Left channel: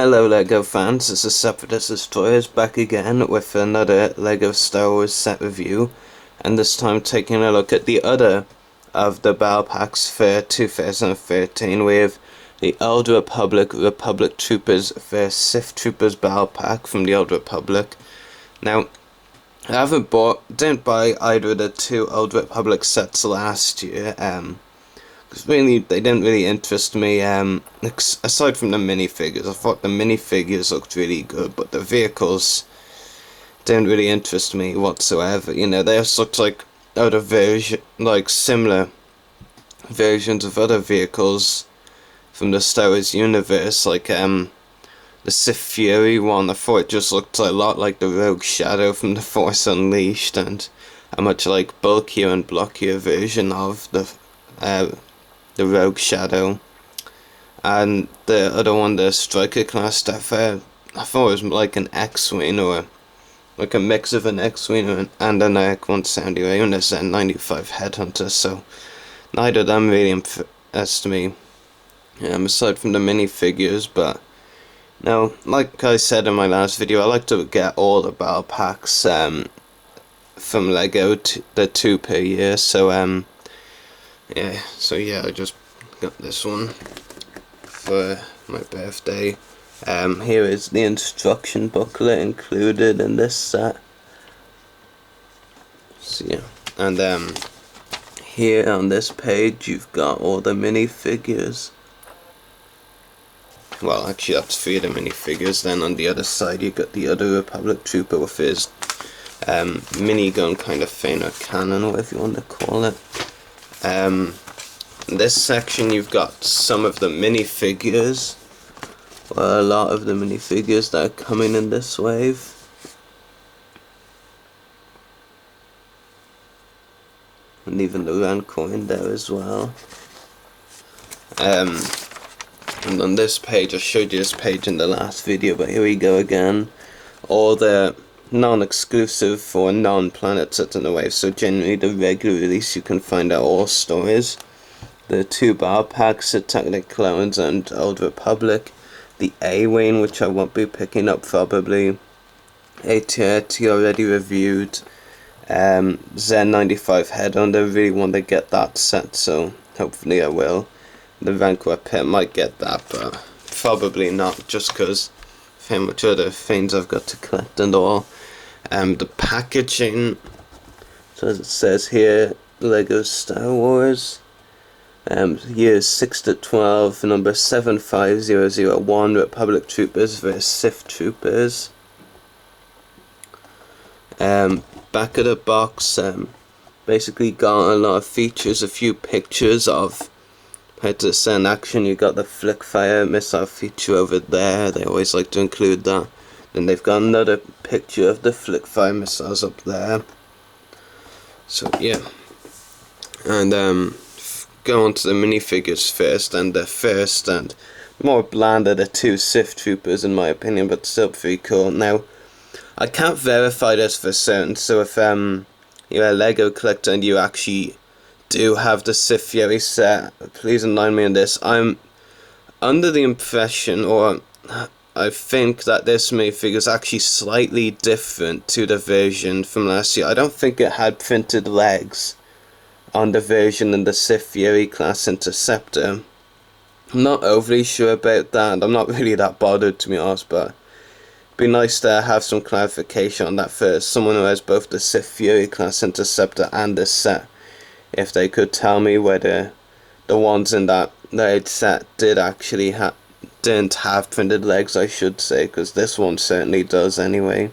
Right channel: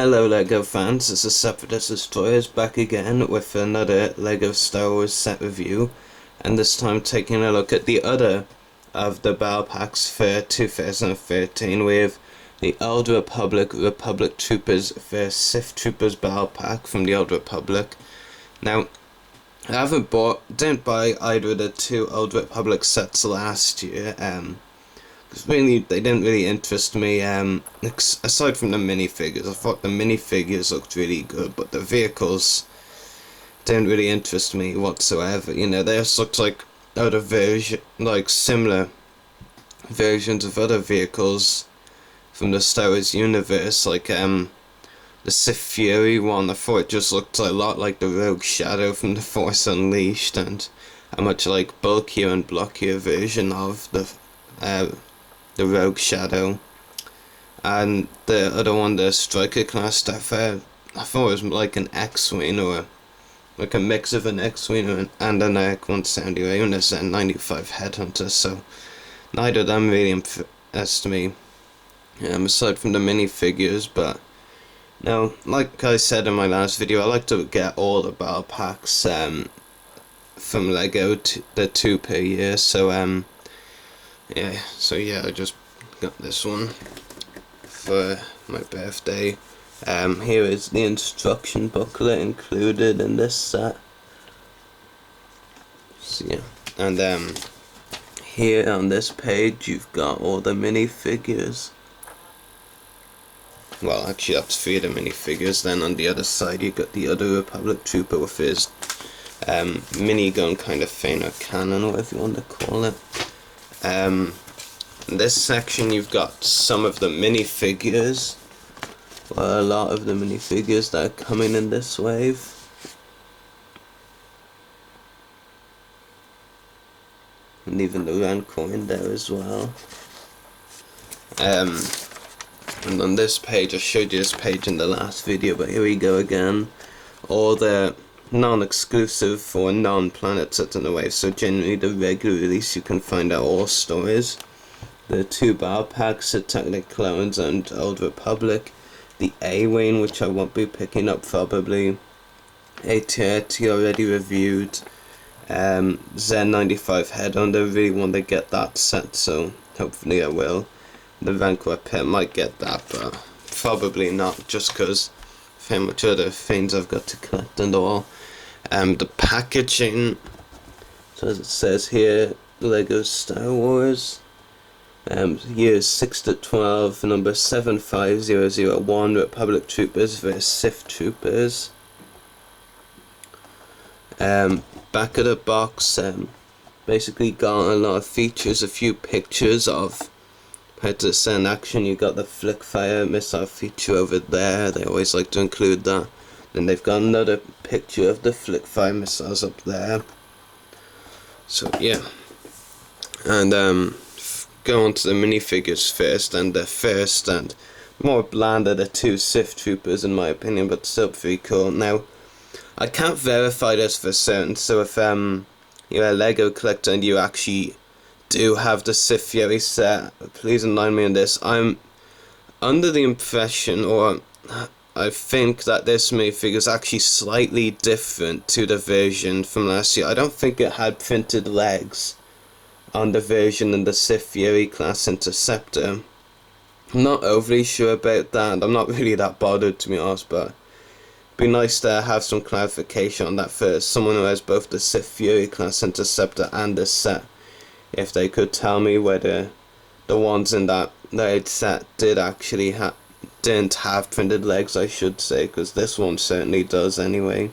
Hello LEGO fans, this is Separatist Destroyers back again with another LEGO Star Wars set review, and this time taking a look at the other of the Battle Packs for 2013 with the Old Republic Troopers vs Sith Troopers Battle Pack from the Old Republic. Now, I didn't buy either of the two Old Republic sets last year, because really, they didn't really interest me, aside from the minifigures. I thought the minifigures looked really good, but the vehicles didn't really interest me whatsoever. You know, they just looked like similar versions of other vehicles from the Star Wars universe, like, the Sith Fury one. I thought it just looked a lot like the Rogue Shadow from The Force Unleashed, and a much like bulkier and blockier version of the Rogue Shadow. And the other one, the Striker class stuff, I thought it was like an X-Wing, or like a mix of an X-Wing and an X-170 and a Z95 Headhunter, so neither of them really impressed me, aside from the minifigures. But now, like I said in my last video, I like to get all the battle packs from LEGO, the 2 per year, so yeah, I just got this one for my birthday. Here is the instruction booklet included in this set. So yeah, and here on this page you've got all the minifigures. Well, actually that's 3 of the minifigures. Then on the other side you got the other Republic Trooper with his minigun kind of thing, or cannon, whatever you want to call it. In this section you've got some of the minifigures, well, a lot of the minifigures that are coming in this wave. And even the Rancor in there as well. And on this page, I showed you this page in the last video, but here we go again. All the non-exclusive or non-planet sets in the wave, so generally the regular release you can find out all stories. The 2 battle packs, Attack of the Clones and Old Republic. The A-Wing, which I won't be picking up probably. AT-AT already reviewed. Z95 Headhunter, really want to get that set, so hopefully I will. The Rancor Pit, might get that, but probably not, just because of how much other things I've got to collect and all. The packaging, so as it says here, LEGO Star Wars, years 6 to 12, number 75001, Republic Troopers vs Sith Troopers. Back of the box, basically got a lot of features, a few pictures of how to send action. You got the flick fire missile feature over there, they always like to include that. Then they've got another picture of the flick fire missiles up there. So yeah, and go on to the minifigures first, and the first and more bland are the 2 Sith Troopers in my opinion, but still pretty cool. Now, I can't verify this for certain, so if you're a LEGO collector and you actually do have the Sith Fury set, please enlighten me on this. I'm under the impression, or I think, that this minifigure is actually slightly different to the version from last year. I don't think it had printed legs on the version in the Sith Fury class Interceptor. I'm not overly sure about that. I'm not really that bothered, to be honest, but it'd be nice to have some clarification on that for someone who has both the Sith Fury class Interceptor and this set. If they could tell me whether the ones in that set didn't have printed legs, I should say, because this one certainly does anyway.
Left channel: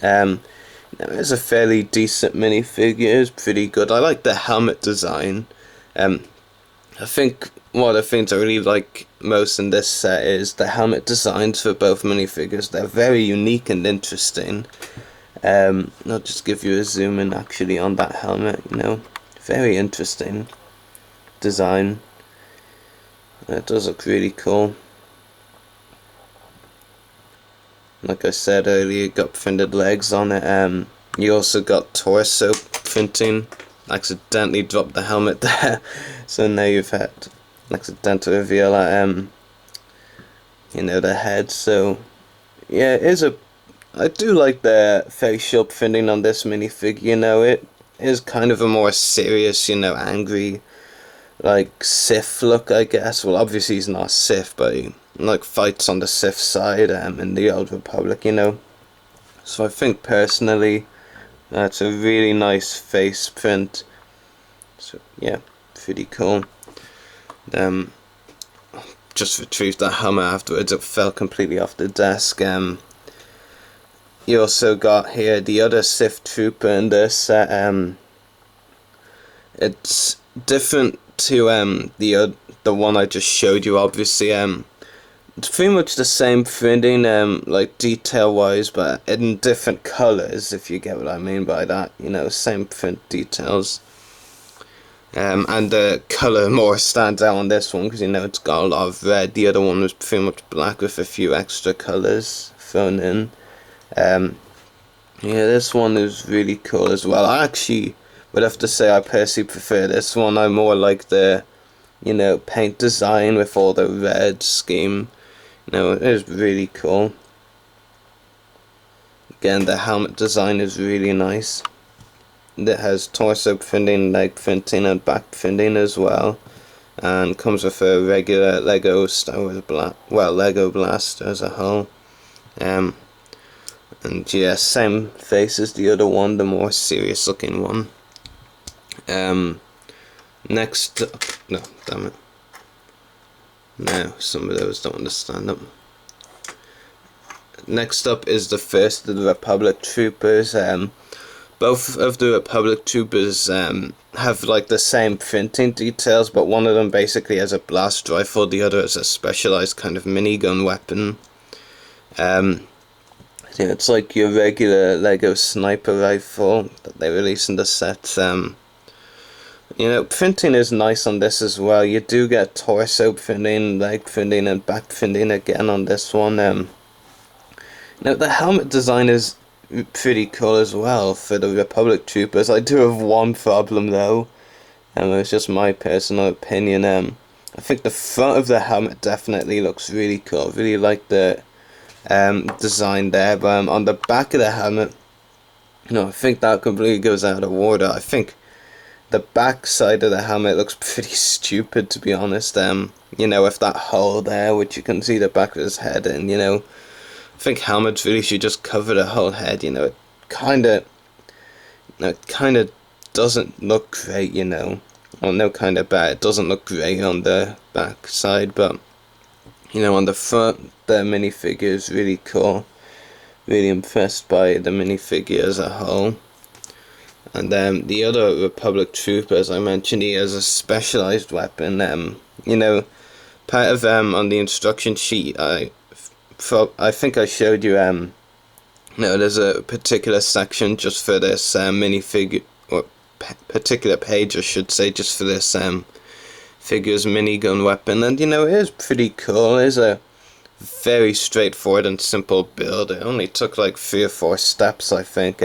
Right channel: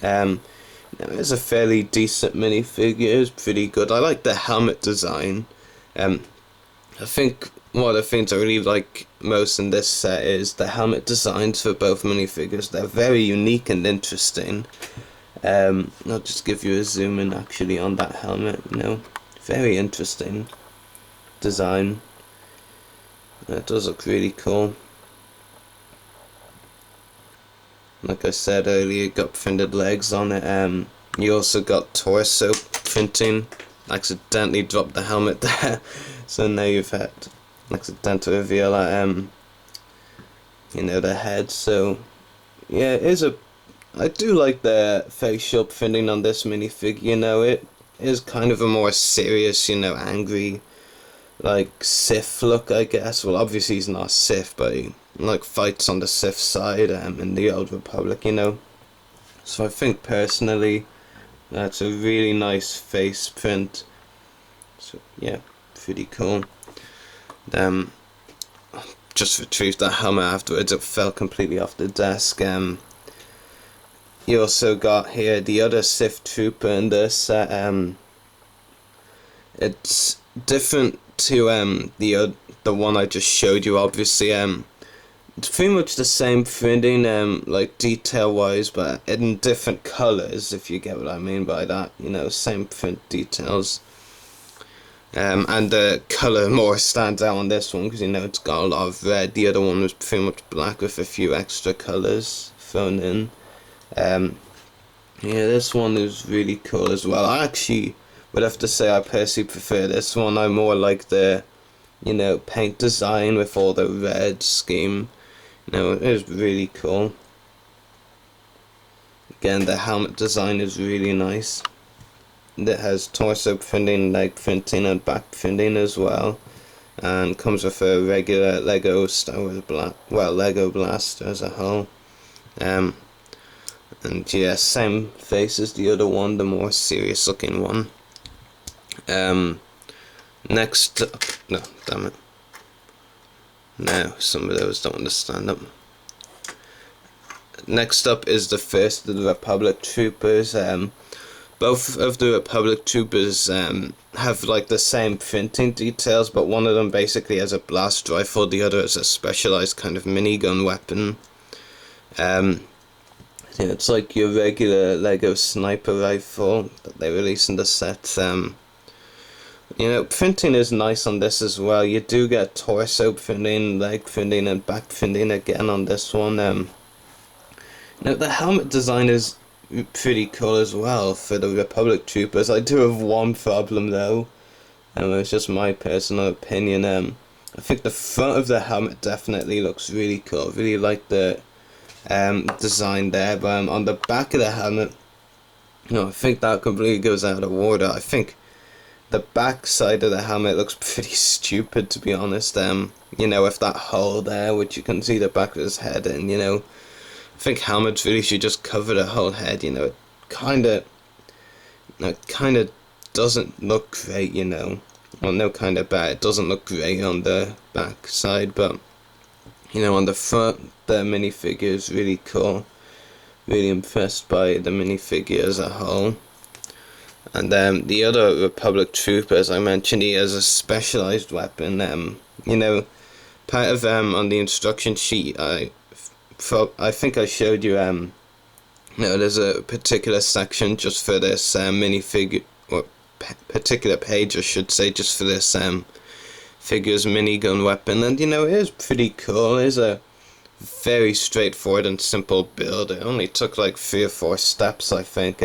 It's a fairly decent minifigure, it's pretty good. I like the helmet design. I think one of the things I really like most in this set is the helmet designs for both minifigures. They're very unique and interesting. I'll just give you a zoom in actually on that helmet, you know. Very interesting design. It does look really cool. Like I said earlier, you got printed legs on it. You also got torso printing. Accidentally dropped the helmet there, so now you've had accidental reveal that you know, the head. So yeah, it is a. I do like the facial printing on this minifigure. You know, it is kind of a more serious, you know, angry, like Sith look, I guess. Well, obviously he's not Sith, but he like fights on the Sith side in the Old Republic, you know. So I think personally that's a really nice face print. So yeah, pretty cool. Um, just retrieved that hammer afterwards. It fell completely off the desk. You also got here the other Sith trooper in this set. It's different to the one I just showed you. Obviously, it's pretty much the same printing, like detail wise, but in different colors. If you get what I mean by that, you know, same print details. And the color more stands out on this one because, you know, it's got a lot of red. The other one was pretty much black with a few extra colors thrown in. Yeah, this one is really cool as well. I actually would have to say I personally prefer this one. I more like the, you know, paint design with all the red scheme. You know, it is really cool. Again, the helmet design is really nice. It has torso printing, leg printing, and back printing as well. And comes with a regular Lego Star Wars Lego blaster as a whole. And yeah, same face as the other one, the more serious looking one. Next up, no, damn it. No, some of those don't understand them. Next up is the first of the Republic troopers. Both of the Republic troopers have like the same printing details, but one of them basically has a blast rifle, the other is a specialized kind of minigun weapon. Yeah, it's like your regular Lego sniper rifle that they release in the set. You know, printing is nice on this as well. You do get torso printing, leg printing, and back printing again on this one. Now the helmet design is pretty cool as well for the Republic troopers. I do have one problem though, and it's just my personal opinion. I think the front of the helmet definitely looks really cool. Really like the design there, but on the back of the helmet, I think that completely goes out of order. I think the back side of the helmet looks pretty stupid, to be honest. With that hole there, which you can see the back of his head in, I think helmets really should just cover the whole head, it kind of doesn't look great, well, no, kind of bad, it doesn't look great on the back side, but on the front, the minifigure is really cool. Really impressed by the minifigure as a whole. And the other Republic trooper, as I mentioned, he has a specialized weapon. Part of on the instruction sheet, I think I showed you. There's a particular section just for this minifigure, or particular page, I should say, just for this figure's minigun weapon, and it is pretty cool. It is a very straightforward and simple build. It only took like 3 or 4 steps, I think.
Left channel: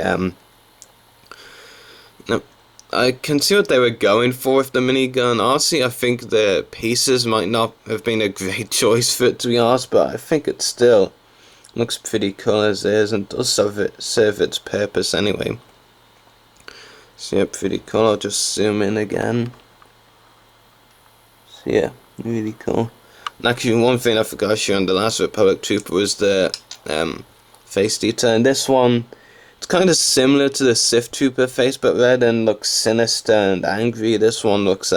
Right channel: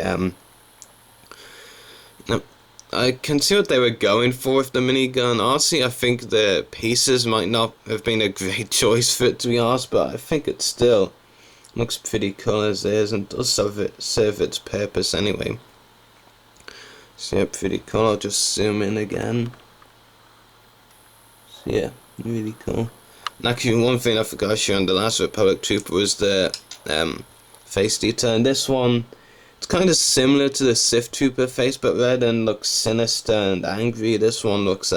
I can see what they were going for with the minigun. Honestly, I think the pieces might not have been a great choice for it, to be honest, but I think it still looks pretty cool as is and does serve its purpose anyway. So yeah, pretty cool. I'll just zoom in again. So yeah, really cool. And actually, one thing I forgot to show on the last Republic Trooper was the face detail. And this one, it's kind of similar to the Sith Trooper face, but rather than look sinister and angry, this one looks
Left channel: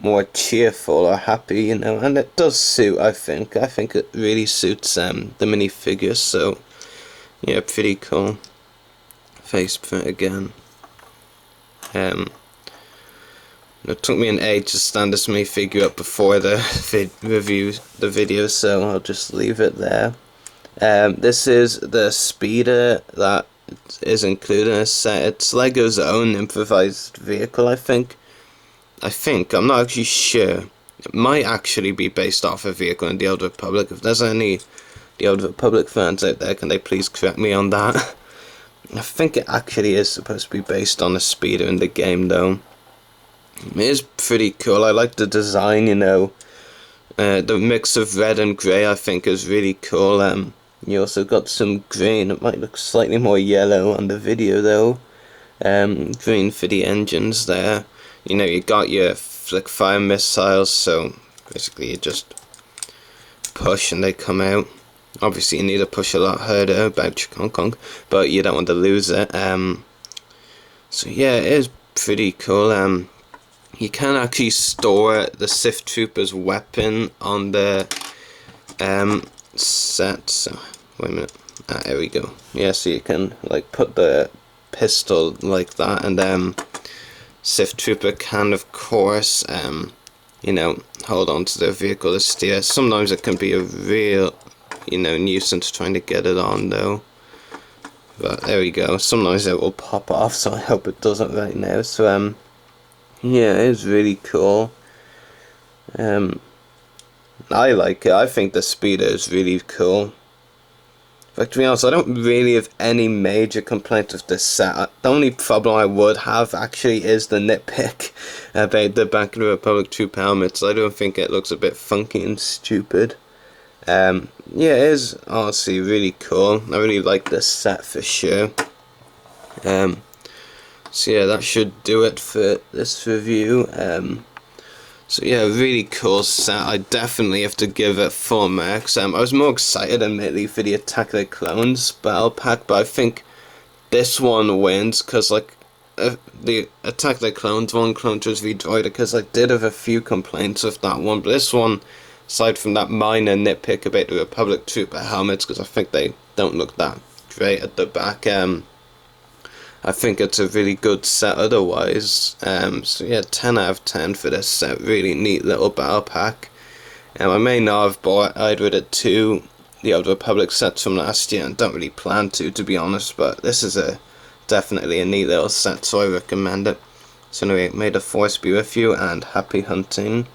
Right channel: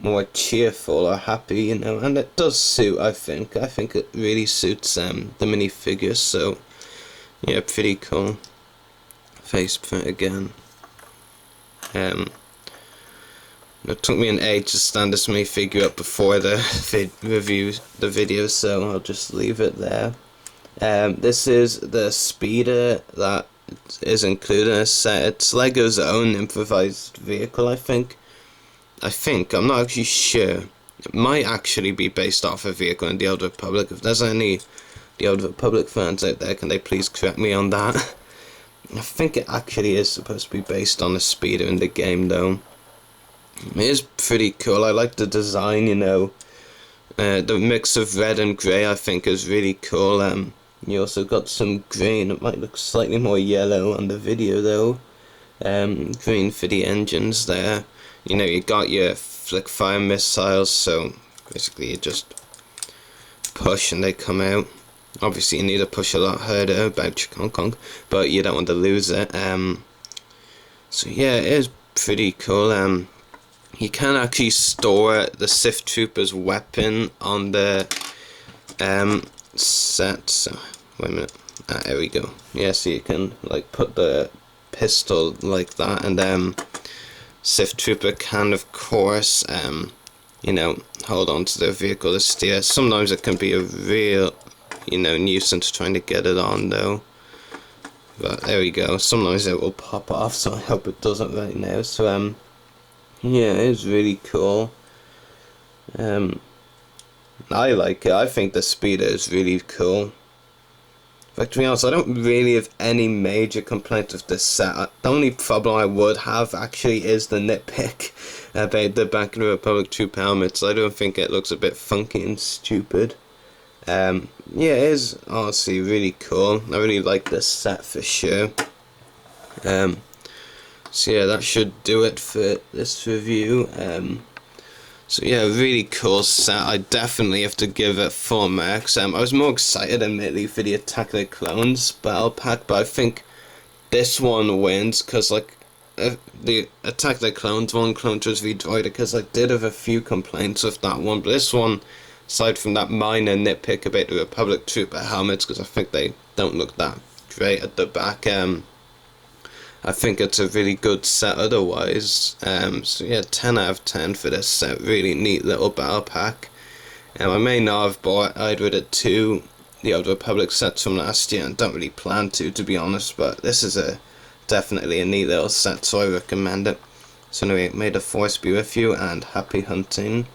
more cheerful or happy, and it does suit, I think. I think it really suits the minifigure, so yeah, pretty cool. Face print again. It took me an age to stand this minifigure up before the video, so I'll just leave it there. This is the speeder that is included in a set. It's Lego's own improvised vehicle, I think. I'm not actually sure. It might actually be based off a vehicle in the Old Republic. If there's any the Old Republic fans out there, can they please correct me on that? I think it actually is supposed to be based on a speeder in the game, though. It is pretty cool. I like the design, The mix of red and grey I think is really cool. You also got some green. It might look slightly more yellow on the video though. Green for the engines there. You know, you got your flick fire missiles, so basically you just push and they come out. Obviously you need to push a lot harder about your Kong Kong, but you don't want to lose it. So yeah, it is pretty cool. You can actually store the Sith Trooper's weapon on the set. So wait a minute. There we go. Yeah, so you can like put the pistol like that, and Sith Trooper can of course you know, hold on to their vehicle to steer. Sometimes it can be a real, you know, nuisance trying to get it on though. But there we go. Sometimes it will pop off, so I hope it doesn't right now. So yeah, it's really cool. I like it. I think the speeder is really cool. But to be honest, I don't really have any major complaints with this set. The only problem I would have actually is the nitpick about the Back of the Republic troop helmets. I don't think it looks a bit funky and stupid. Yeah, it is honestly really cool. I really like this set for sure. So yeah, that should do it for this review. So yeah, really cool set. I definitely have to give it full marks. I was more excited admittedly for the Attack of the Clones battle pack, but I think this one wins because like the Attack of the Clones one, Clone Troopers v Droider, because I did have a few complaints with that one, but this one, aside from that minor nitpick about the Republic Trooper helmets, because I think they don't look that great at the back, I think it's a really good set otherwise. So yeah, 10 out of 10 for this set. Really neat little battle pack. I may not have bought either of the two the Old Republic sets from last year, and don't really plan to be honest, but this is definitely a neat little set, so I recommend it. So anyway, may the Force be with you, and happy hunting.